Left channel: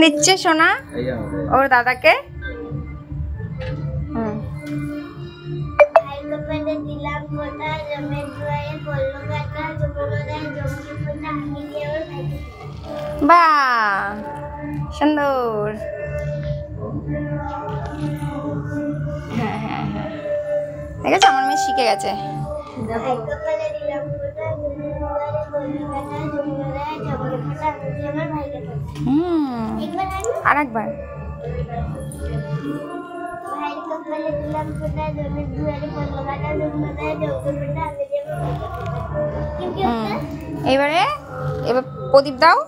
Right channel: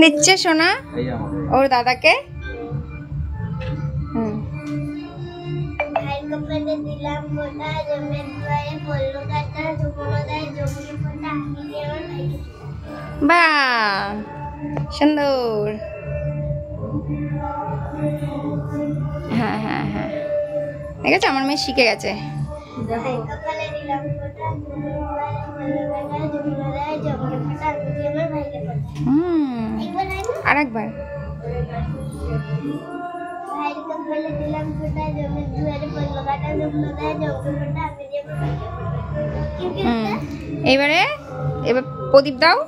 দিচ্ছে সোনা ওর দাদাকে। বাহ সুন্দর। হ্যাঁ হ্যাঁ হ্যাঁ ঠিক আছে, আমার মেয়ে শিখে গেছে। আর একবার এবারে এবার প্রদীপ দাও।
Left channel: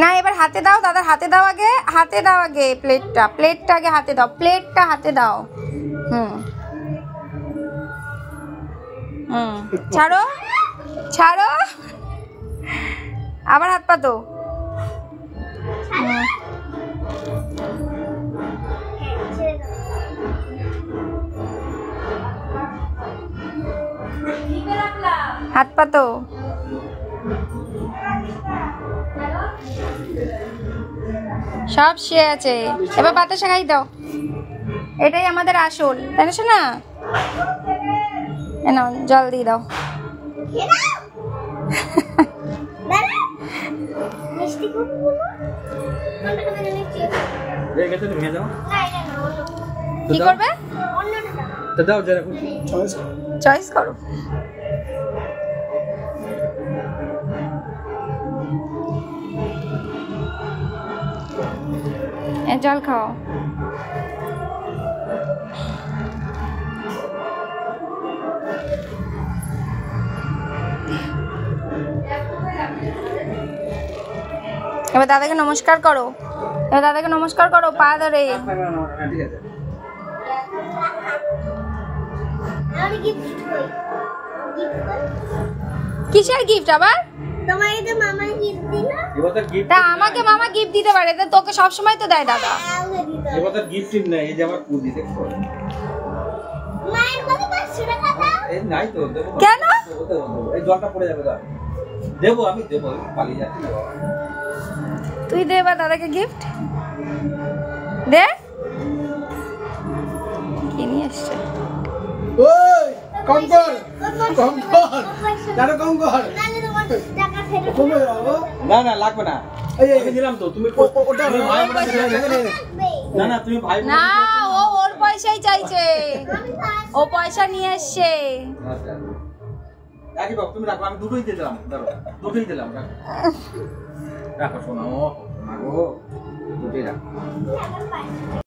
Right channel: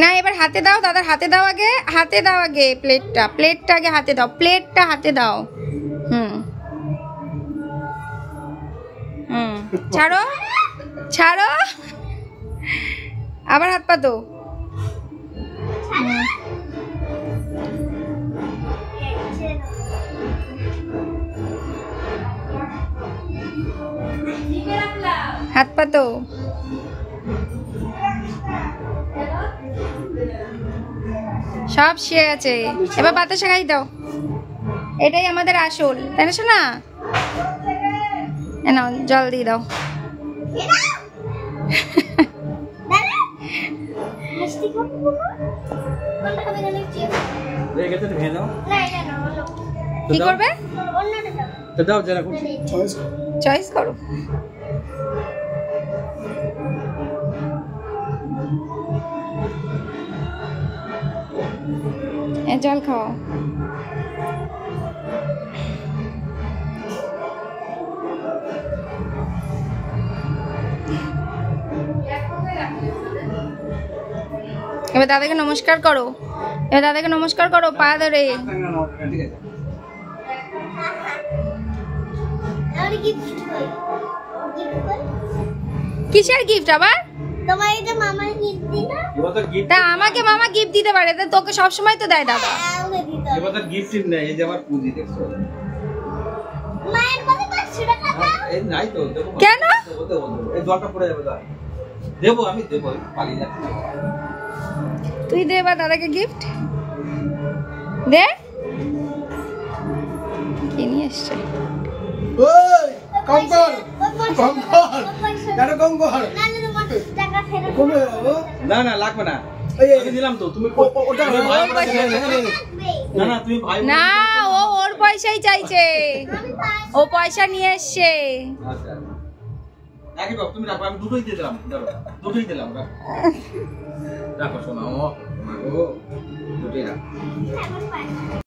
না এবার হাতে দাও, দাদার হাতে দাও আগে, হাতে দাও আগে প্লেটটা, প্লেটটা আগে হাতে দাও, প্লেটটা হাতে দাও। ছাড়ো ছাড়ো, আবার হাত পাতো। হাত পাতো। সব শেষ আছে, এবার বাতাসা খাই দাও। এটাই আমাদের আসল, তাই না শোনা? নাও জল দিয়ে দাও। কি করবে? চয়েস করো। জল খাও। এবার দাদাকে নমস্কার করো, এবার দাদাকে নমস্কার করো পা ধরে। কিসের গিফট আবার? তা আমাকে মামা গিফট দিতে পারে, তোকে সবসময় তো দেয় দাদা। কেন? তুই দে এবার দাদাকে গিফট দে। কি নিয়ে এসছো? না না লাগবে না, দিলাম তো। তুমি না, ও ওর পয়সাই চাইছে, ও পয়সা নিয়ে এসছে। তুমি রাখো, আমি দুটোই দিলাম, দুটোই দিলাম। রাখো শোনো, দুটোই রাখো।